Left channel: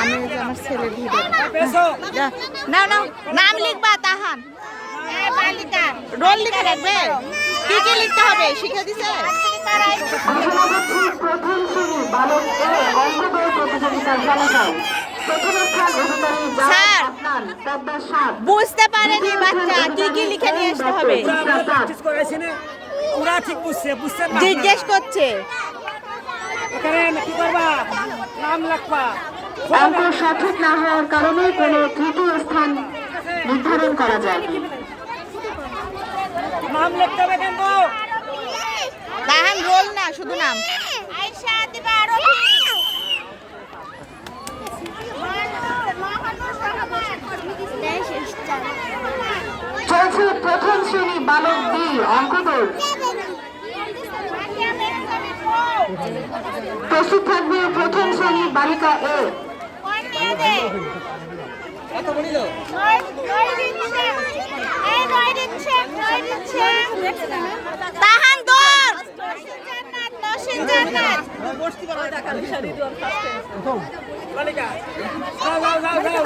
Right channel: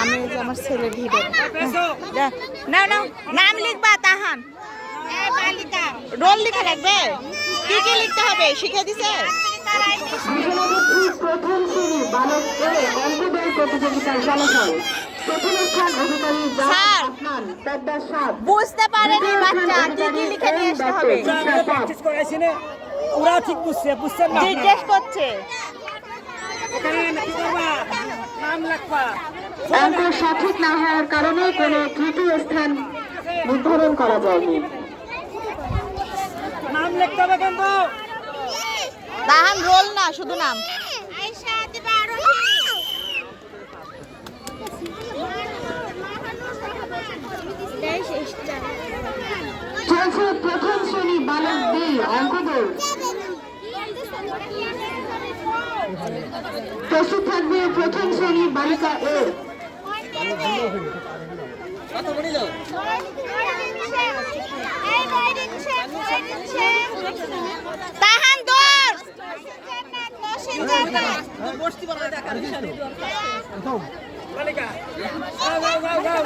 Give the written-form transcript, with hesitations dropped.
আমি আমার ছেলের ভিতর নাও নাও নাম লিখবা তাহান রোল লিখে রাখবে কি কি লিখতে হবে শিখে দিছে স্যার বুঝতে পারেনি বাচ্চা কি কি লিখে নিয়ে আসতে হবে ওরা ঠিক বুঝছে বুঝছেন না জিজ্ঞেস করছে এখানে কি করবা নাম লিখবা অঙ্ক সঠিক না হওয়ার কারণে কোনো তৃতীয় স্থান নির্ধারণ করা যায়নি। নাম লিখতে হবে কিন্তু তাহান রোল না শুধু নাম চলছে প্রথম শ্রেণী বালক বি অঙ্ক দৌড়। প্রস্তুত থাকবে প্রথম শ্রেণী বালিকা এ। তাহান দৌড় বালিকা যাও যাও যাও